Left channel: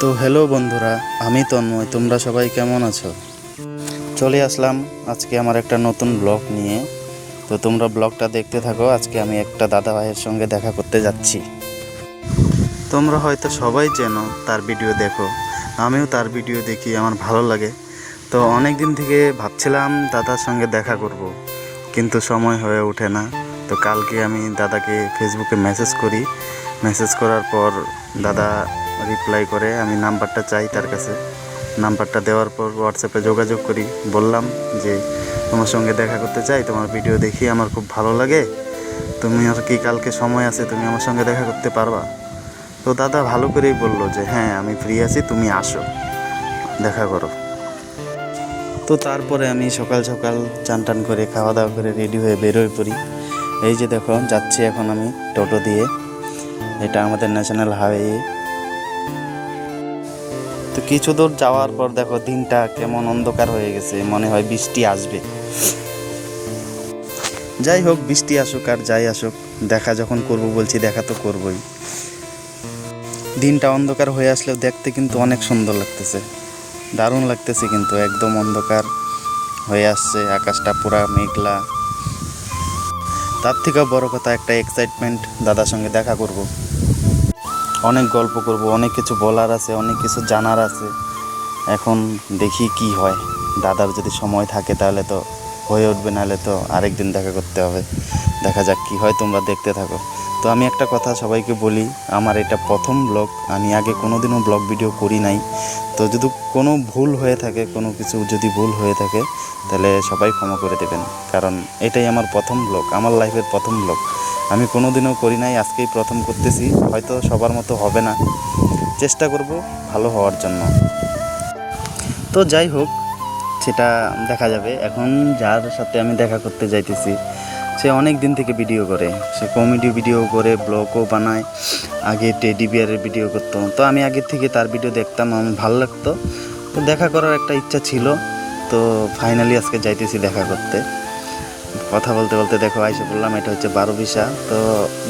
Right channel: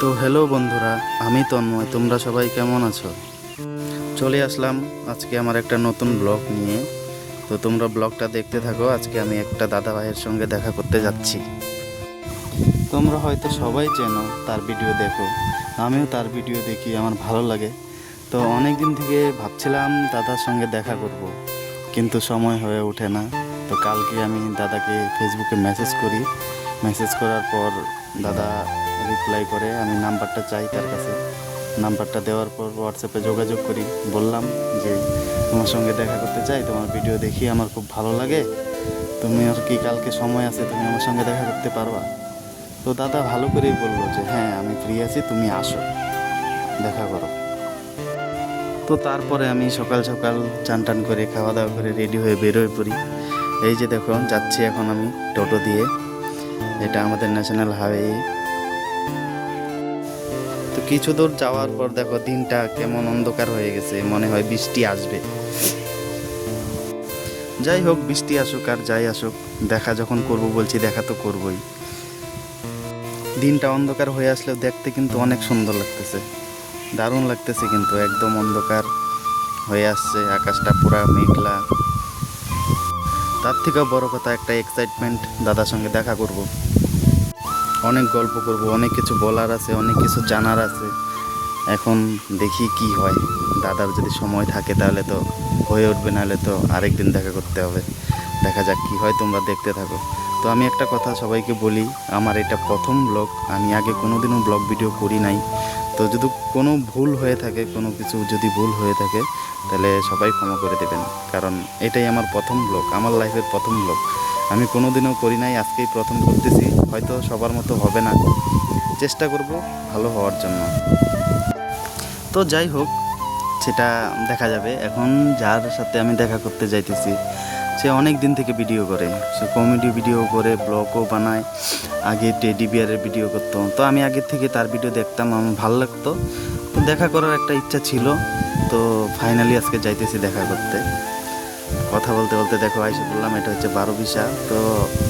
তো হ্যালো বন্ধুরা, আমি তন্ময়। তোমরা সবাই কেমন আছো? চলে আসলাম আজকে আমার একটা নতুন ব্লগ নিয়ে। তো তোমরা ব্লগটা দেখতে থাকো। আজকে আমি একটা দাদা ভাইয়ের সঙ্গে দেখা করতে যাচ্ছি। তোমরা হয়তো সবাই চেনো, তার ভিডিও দেখো। আমিও তার ভিডিও দেখি, আমার ভালো লাগে। তো অনেক দিন থেকে ভাবছিলাম দাদার সঙ্গে দেখা করব, কিন্তু সময় হয়ে ওঠে না। তো কালকে আমি দাদাকে ফেসবুকে মেসেজ করি। মেসেজ করার পর দাদা রিপ্লাই করে, আমি নাম্বারটা চাই তার কাছে। নাম্বারটা দেওয়ার পর হোয়াটসঅ্যাপে যোগাযোগ করি। বললাম যে তোমার সঙ্গে দেখা করতে চাই, তোমার ভিডিও দেখি আমার খুব ভালো লাগে। তুমি আর কি কালকে সময় আছে, তুমি আমার সঙ্গে দেখা করতে পারবা? তো দাদা ভালো করেই বললো যে হ্যাঁ, আমি ফ্রি আছি, তুমি আসো, দেখা করো। তো তারপরে আমি সকাল সকাল চান টান করে খাওয়া দাওয়া করে রেডি হয়ে বেরোয় পড়ি। এই যে দেখো, যাচ্ছি এখন আমি টোটো দিয়ে। এটা আমাদের ন্যাশনাল হাইওয়ে। তো কিছু দূর যাওয়ার পর দেখো দিনটা কেমন অন্ধকার হয়ে গেছে, মনে হয় বৃষ্টি আসবে। যাই হোক, বৃষ্টি আসুক আর যাই আসুক, দেখা যখন করবো বলছি, দেখা তো করবই। দিনটা অন্ধকার হয়ে আসলেও দেখতে কিন্তু অনেক সুন্দর লাগতেছে, দারুণ লাগতেছে। কিন্তু একদম অন্ধকার হয়ে আসছে, আকাশটা পুরা মেঘলা। তার থেকেও বড় কথা, একটা এক্সাইটমেন্ট, দাদার সঙ্গে দেখা করব, অনেক গল্প করব, অনেক কিছু বলার আছে, অনেক কিছু জানার আছে। এখন দেখি কি হয়। দাদার যদি সময় থাকে তাহলে তো হয়ে উঠবে, নাহলে তো আরেকদিন দেখা করতে হবে। দেখা যাক কি হয়, তোমরা দেখতে থাকো। তো আমি একটা কথা সবাইকে বলি, আমার এটা প্রথম ব্লগ, আমি আগে কোনোদিনও ব্লগ ভিডিও করি নাই। তো যদি কোনো ভুল হয়ে থাকে, কোনো কিছু যদি ভুল হয়ে থাকে, তাহলে সবাই ক্ষমা করে দেবেন। কারণ এটাই আমার প্রথম ব্লগ, আমার লাইফের প্রথম ব্লগ। আমি কোনোদিনও করি নাই, আজকেই প্রথম করতেছি। হয়তো সবার মতো হবে না, চেষ্টা করব ভালো হওয়ার জন্য। তো যাই হোক, সেটা দেখা যাবে। এখন যার সাথে আমি দেখা করতে যাইতেছি, সে অনেক দিন থেকে ভিডিও করে, সে কমেডি ভিডিও করে, ব্লগও বানায়। আগে টেডি বিয়ারের ভিডিও করতো। তো আমি আগের থেকে তার ভিডিও দেখতাম, আমার ভালো লাগতো। তো দেখা করার একটা ইচ্ছা ছিল। তো ফাইনালি আজকে যাইতেছি দেখা করতে। কথা বলতে বলতে দেখো আইসা বললাম, এটা হচ্ছে 12 বিশা। তো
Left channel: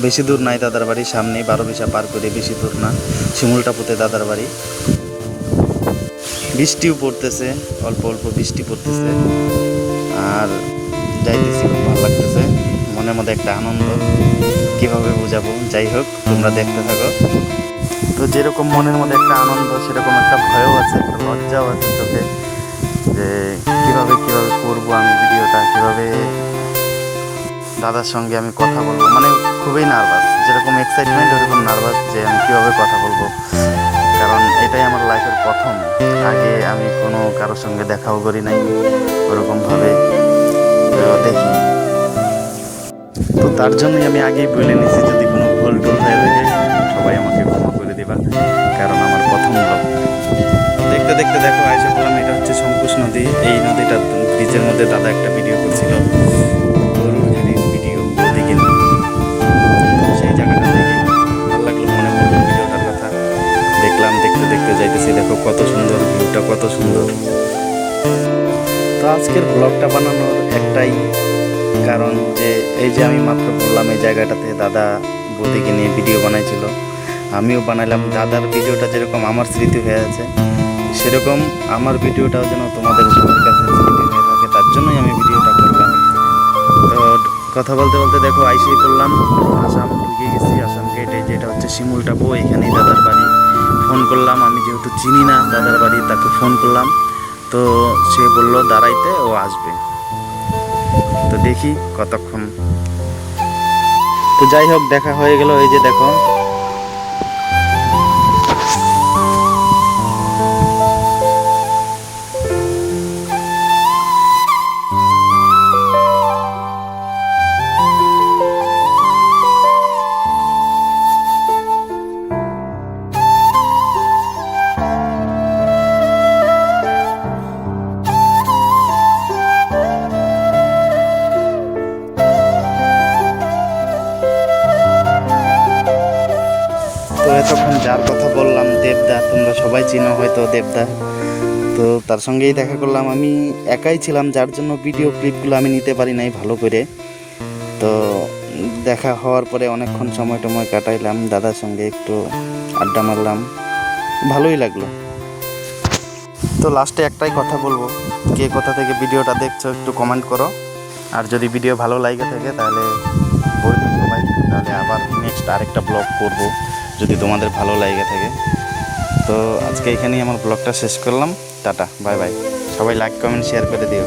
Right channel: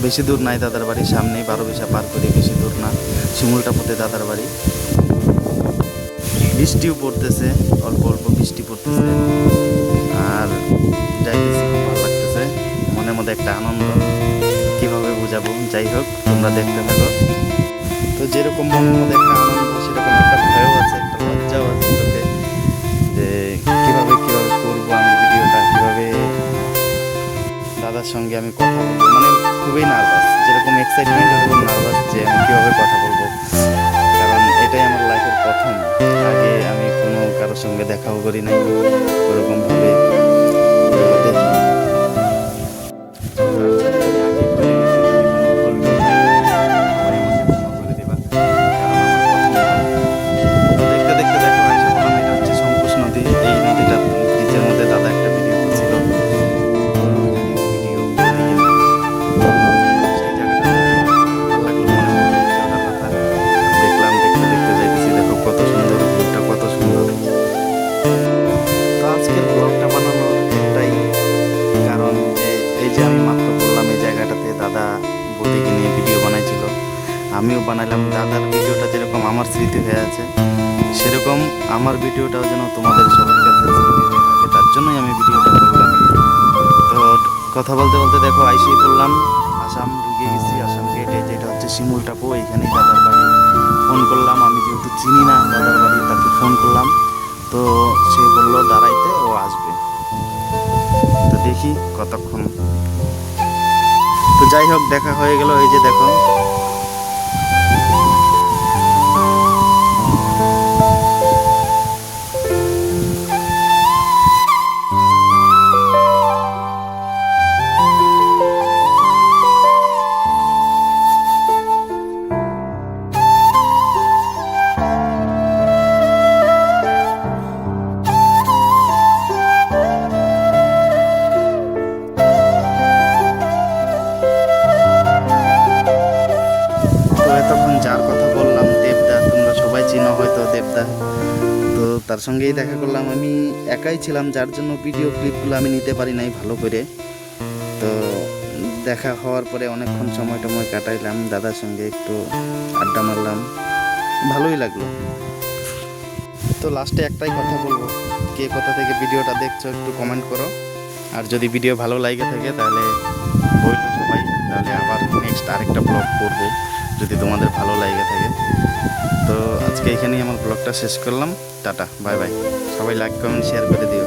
বেশি দূর নাই, দাদার বাড়ির সামনেই 12 বিশা পার করে, বেশি দূর না। শিমুলটাপুতে দাদার বাড়ি। বৃষ্টিও পড়তেছে, অল্প অল্প বৃষ্টি পড়তেছে। আর যাইতেছি, খুব ভালো লাগতেছে, মনের মধ্যে একটা আনন্দ, কীভাবে বোঝাবো। যাই হোক, তোমরা দেখতে থাকো। তো যেরকম মনের মধ্যে একটা আনন্দ, সেরকম একটা ভয়ও আছে, একটা লজ্জাও আছে চোখে, যে কীভাবে কীভাবে করবো আমি ভিডিওটা, কীভাবে দাদার সঙ্গে আমি কথা বলবো। মানে খুবই নার্ভাস, যেরকম এক্সাইটমেন্ট ওরকম নার্ভাস, যে আমি কীভাবে কথা বলবো। কারণ এটাই আমার লাইফের প্রথম। আগে আমি কোনো কারোর সঙ্গে দেখাও করি নাই ওরকমভাবে। দেখি, তো তার জন্যই আমি আগেই বলে নিয়েছি, যদি কোনো ভুল টুল হয়ে থাকে সবাই আমাকে ক্ষমা করে দেবা। কারণ আমার প্রথম ব্লগ। দেখতে দেখতে দেখো আইসা বললাম, এটা হচ্ছে শঙ্কুশ নদী। এই নদীটার ব্রিজের মধ্যে দাদা একটা ভিডিও করছিল, ভিডিও দেখে সেই জায়গাটা দেখে ভালো লাগলো, মনে পড়লো ভিডিওটার কথা। দেখলাম, দেখতে দেখতে যাইতেছি, দেখো কত সুন্দর ভিউটা, কত সুন্দর। তো আজকের ব্লগটা বানানোর একটাই কারণ, যে এই যে আমি মাত্র বললাম, এই জায়গাটাতে দাদা বৌদিকে নিয়ে ভিডিও বানাইছিল, আমিও বানাইলাম। দাদার ভিডিওটা যেরকম আমার স্মৃতি হয়ে আছে, সেরকম আমার ভিডিওটাও যেন তোমাদের সবার কাছে স্মৃতি হয়ে থাকে, তার জন্যই আমি ভিডিওটা করলাম। তো কথা বলতে বলতে দেখো আইসেই করলাম, আসাম ঢুকে গেছি। আসাম গেটে, যেটা হচ্ছে শিমুলটাপু, এখানেই দাদার বাড়ি। ফোন করলাম, আমি যেহেতু চিনি না দাদার বাড়ি, তাকে ফোন করলাম। তো সে বললো দাঁড়াইতে, ও আসবে। তো দেখি কতক্ষণ। তো যাই হোক, দেখা হয়ে গেল। এই যে দেখো, তো এতক্ষণ যার কথা বললাম, দেবদা, তোমরা সবাই চিনো হয়তো দেবদা। তো তার সঙ্গেই দেখা করলাম। আমি একাই ছিলাম, যার জন্য ভিডিও ক্লিপগুলো আমি নিতে পারি নাই ভালো করে। তো দেখা হওয়ার পরে অনেকক্ষণ সময় টময় কাটাইলাম, দাদার সঙ্গে একটু আড্ডা মারলাম, ভালোই লাগলো। তো লাস্টে একটাই কথা বলবো, কে কোথা থেকে ভিডিওটা দেখছো একটু কমেন্ট করো। আর যদি ভিডিও ভালো লাগে থাকে তাহলে বলবো সবাই, তাহলে আবার নেক্সট আরেকটা ব্লগ করব যদি তোমাদের ভালো লাগে থাকে। তো আজকে এখানেই আমার ব্লগটা শেষ করলাম। Tata, bye bye. সবাই লাইক কমেন্ট শেয়ার করে দিও।